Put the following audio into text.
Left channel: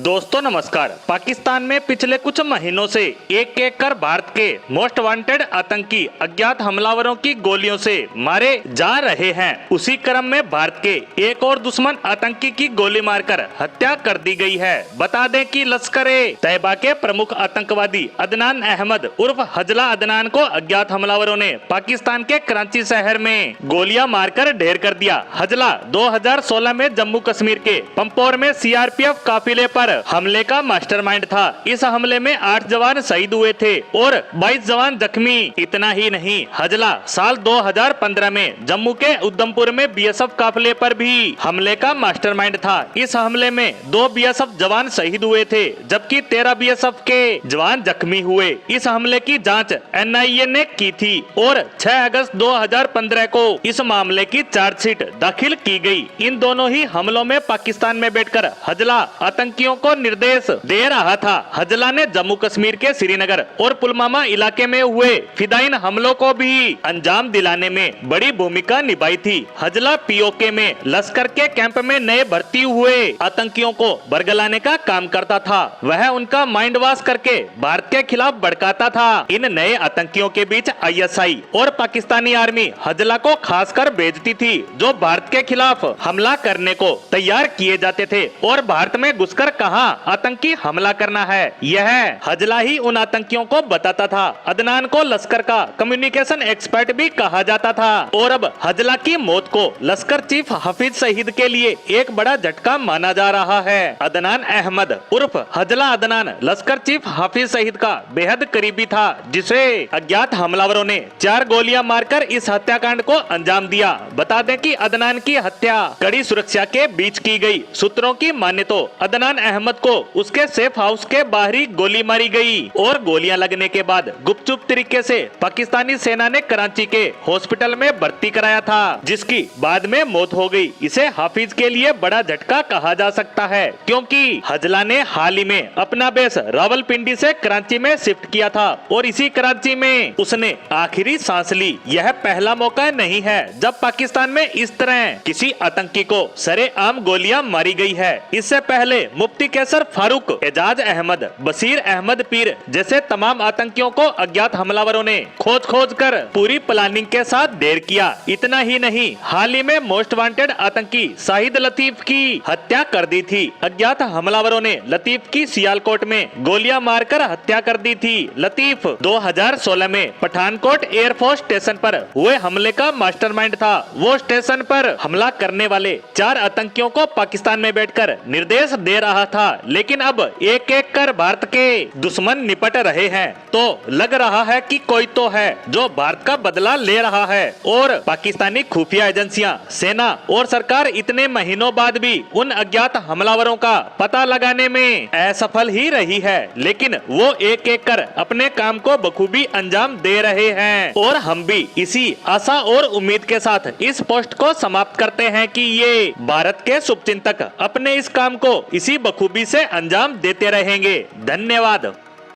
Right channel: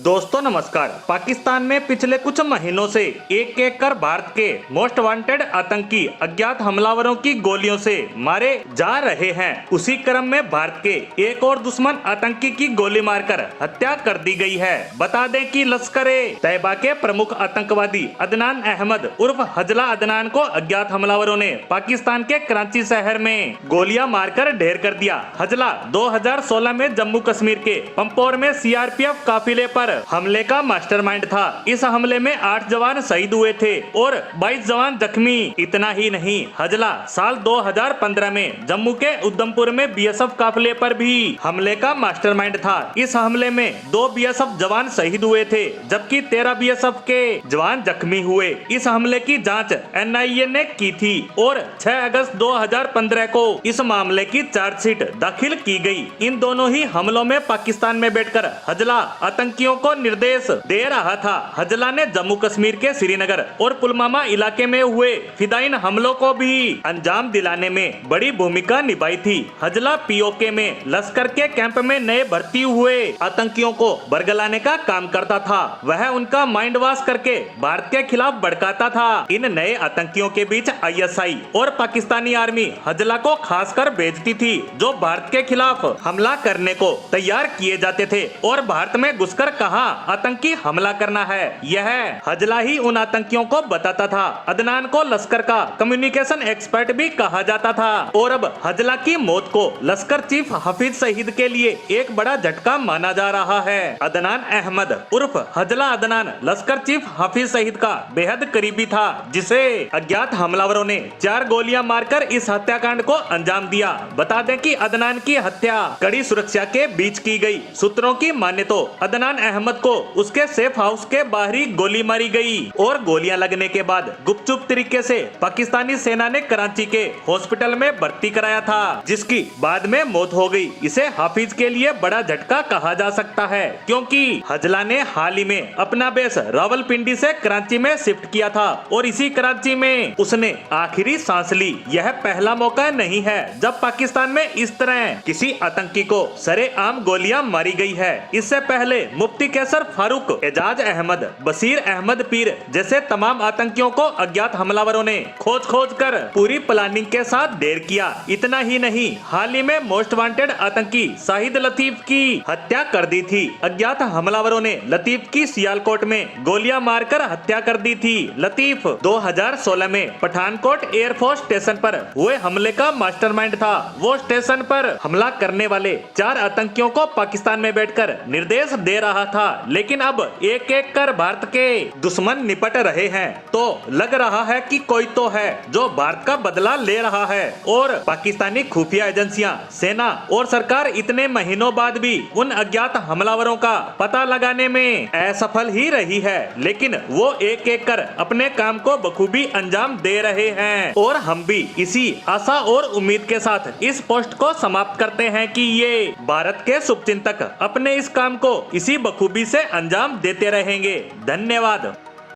दोस्तों नमस्कार। पाकिस्तान में पिछले कुछ महीनों से एक एक कर भारत के मोस्ट वांटेड आतंकी अज्ञात हमलावरों की गोलियों से मारे जा रहे हैं। उसी क्रम में भारत के एक और दुश्मन आतंकी की गोली मारकर हत्या कर दी गई है। बता दें कि लश्कर-ए-तैयबा के प्रमुख आतंकवादी अदनान अहमद उर्फ हजला अदनान को अज्ञात हमलावरों ने पाकिस्तान के कराची शहर में गोलियां मारकर ढेर कर दिया। हजला 2016 में जम्मू कश्मीर के पंपोर में सीआरपीएफ काफिले पर हमले का मास्टरमाइंड था। इस हमले में 8 जवान शहीद हुए थे और 22 जवान जख्मी। इतना ही नहीं, हजला साल 2015 में जम्मू के उधमपुर में बीएसएफ काफिले पर भी हमले का मास्टरमाइंड था। इस हमले में 2 बीएसएफ जवान शहीद हुए थे जबकि 13 बीएसएफ के जवान जख्मी हुए। इस हमले की जांच एनआईए ने की थी और 6 अगस्त 2015 को इस मामले की चार्जशीट दाखिल की गई। इन दोनों ही हमलों में पाकिस्तान में बैठकर हजला आतंकियों को निर्देश दे रहा था। हजला ने जम्मू कश्मीर के श्रीनगर और पुलवामा इलाके में हुए फिदायीन हमलों को भी अंजाम दिलाने में बड़ी भूमिका निभाई थी। हजला पीओके में लश्कर के कैंप में नए भर्ती हुए आतंकियों को बरगलाने का काम करता था। वह उनका माइंड वॉश करके भारत के खिलाफ भड़काता था। इन नए आतंकियों के बीच आईएसआई और पाकिस्तानी आर्मी हजला को खासकर भेजती थी, जो भारत के खिलाफ हमला करने को तैयार किए जाते थे और भारत में घुसकर कहां आतंकी हमला करना है, यह हजला ही उन आतंकियों को बताता था। अदनान को लश्कर का कम्युनिकेशन एक्सपर्ट भी कहा जाता था और अब हजला की मौत को लश्कर चीफ हाफिज सईद के लिए एक बड़ा झटका माना जा रहा है। अदनान अहमद उर्फ हजला अदनान लश्कर चीफ हाफिज सईद का बेहद करीबी था, जिसे अज्ञात हमलावरों ने 4 गोलियां मारकर इस हत्याकांड को अंजाम दिया। बता दें कि अदनान की हत्या कड़ी सुरक्षा के बीच की गई। सूत्रों की माने तो अदनान अहमद को उसके सेफ हाउस के बाहरी गोली मारी गई और गोलियां लगने के बाद गुपचुप तरीके से पाकिस्तानी सेना ने कराची के हॉस्पिटल में भर्ती कराया था, जिसकी बाद में मौत हो गई। इसे हाफिज के लिए बड़ा झटका कहा जा सकता है, क्योंकि हजला ने हाल ही में अपना बेस रावलपिंडी से कराची में शिफ्ट किया था और इसी कराची में उसने आखिरी सांस ली। यह पहला मौका नहीं है जब पाकिस्तान में इस तरह किसी आतंकी को सरेआम गोलियां मारी गई है। इससे पहले मुफ्ती कैसर फारूक, एजाज अहमद, बशीर अहमद पीर जैसे तमाम आतंकियों को अज्ञात हमलावरों ने खोज खोज कर पूरी प्लानिंग के साथ ढेर किया। इतना ही नहीं, हाल ही में मोस्ट वांटेड आतंकी शाहिद लतीफ की हत्या कर दी थी। अज्ञात हमलावरों ने लतीफ की सियालकोट में गोलियां मारकर हत्या कर दी थी। लतीफ 2016 में पठानकोट एयरफोर्स स्टेशन पर हुए हमले का मास्टरमाइंड था। वो स्टेशन पर हमला करने वाले 4 आतंकियों को पाकिस्तान में बैठकर निर्देश दे रहा था, लेकिन अब एक एक कर भारत के दुश्मन निपट रहे हैं। तो लग रहा है कि कोई तो है जो भारत का बदला ले रहा है और पाकिस्तानी खुफिया एजेंसियां, सेना और सरकार इतने महीनों बाद भी उन अज्ञात हमलावरों का पता लगाने में असफल ही रही है। लेकिन वो एक एक कर अपने काम को बखूबी अंजाम दे रहे हैं और हम भी इसी आशा और उम्मीद के साथ इस पोस्ट को समाप्त करते हैं कि ये भारत के शुभचिंतक अपने इस काम को इसी बखूबी से अंजाम देते रहेंगे। धन्यवाद।